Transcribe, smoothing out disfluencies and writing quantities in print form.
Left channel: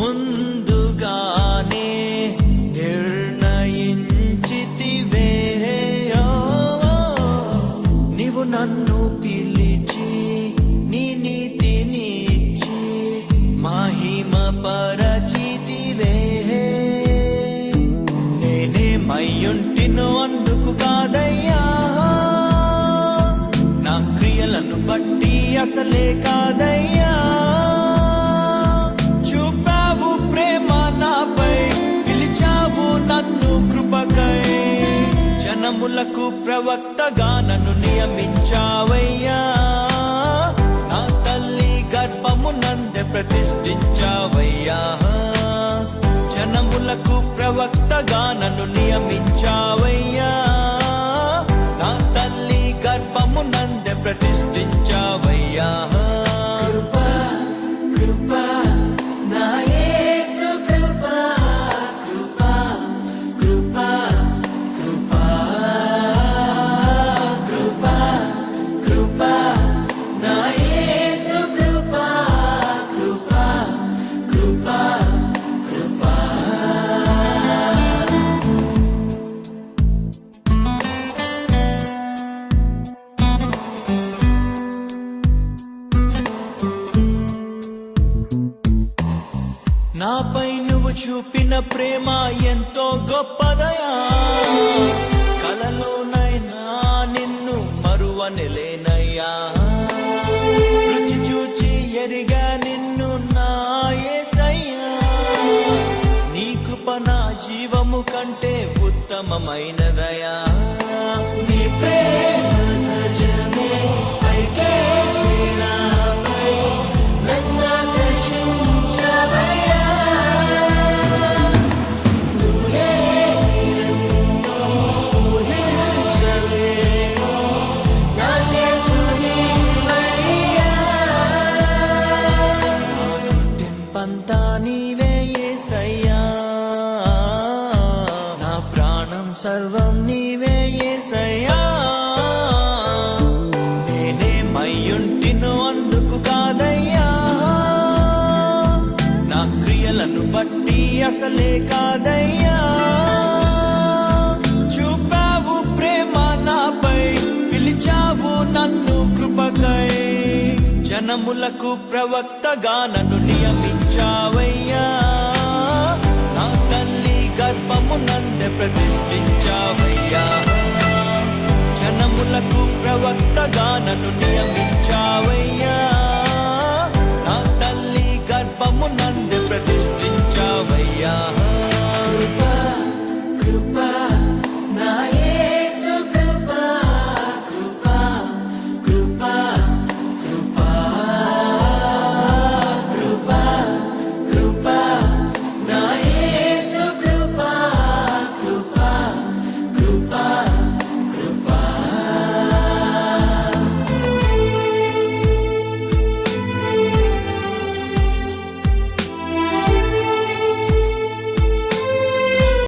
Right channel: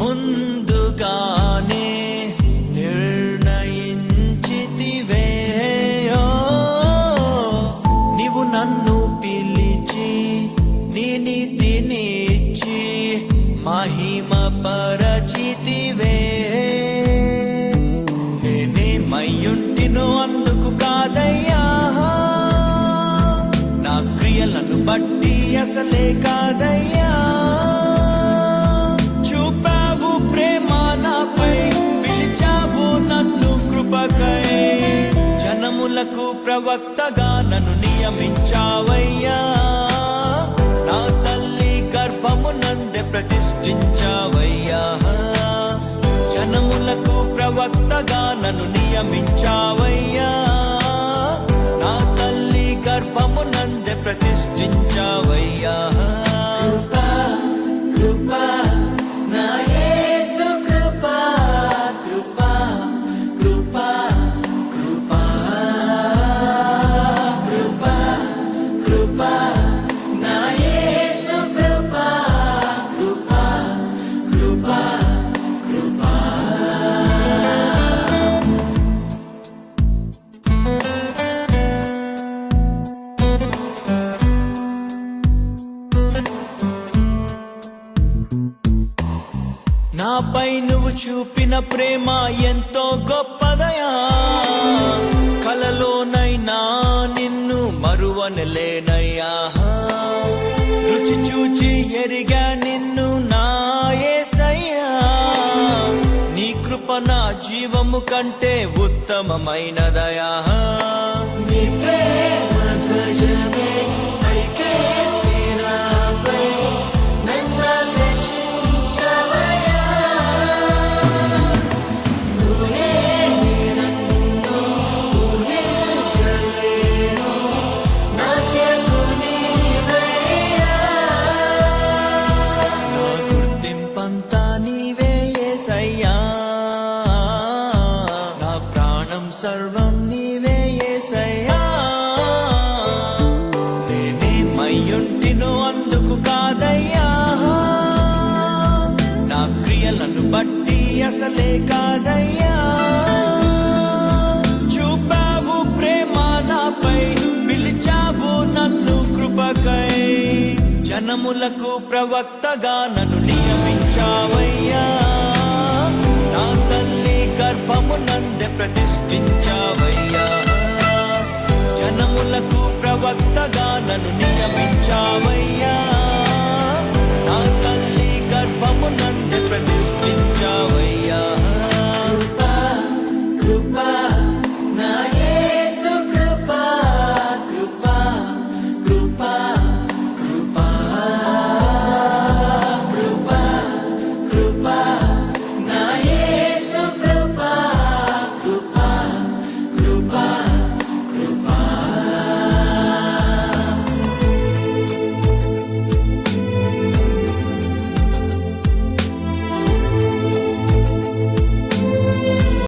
ముందుగానే నిర్ణయించితివే. నీవు నన్ను పిలిచి నీ నీతినిచ్చి మహిమ పరచితివే. నేనేమయ్యుంటినో అందుకు కాదయ్యా, నా క్రియలను బట్టి అసలే కాదయ్యా. చూపావు ప్రేమ నాపై, పిలిచావు నన్ను కృపకై. జనములకు ప్రవక్తగా నన్ను నియమించావయ్యా. నా తల్లి గర్భమునందే ప్రతిష్ఠించావయ్యా. జనములకు ప్రవక్తగా నన్ను నియమించావయ్యా. నా తల్లి గర్భమునందే ప్రతిష్ఠించావయ్యా. కృపా నా యేసు కృపా, కృపా కృపా కృపా కృపా కృపా నా యేసు కృపా, కృపా కృపా కృపా. నాపై నువ్వు చూపిన ప్రేమ ఎంతో గొప్పదయా. కలలోనైనా నిన్ను మరువనలేనయ్యా. రుచి చూచి ఎరిగా నిన్ను నా యేసయ్యా. నీ కృప నా జీవము కంటే ఉత్తమమైనదయా. నీ ప్రేమ ధ్వజమే పైకెత్తి నాపై నన్నాకర్షించవయ్యా. నువ్వే నన్ను ఊహించలేను, నా యేసు నీవయ్యా. నా గుర్తింపంతా నీవే యేసయ్యా. నా ప్రాణం సర్వం నీవే యేసయ్యా. నేనేమయ్యుంటినో అందుకు కాదయ్యా, నా క్రియలను బట్టి అసలే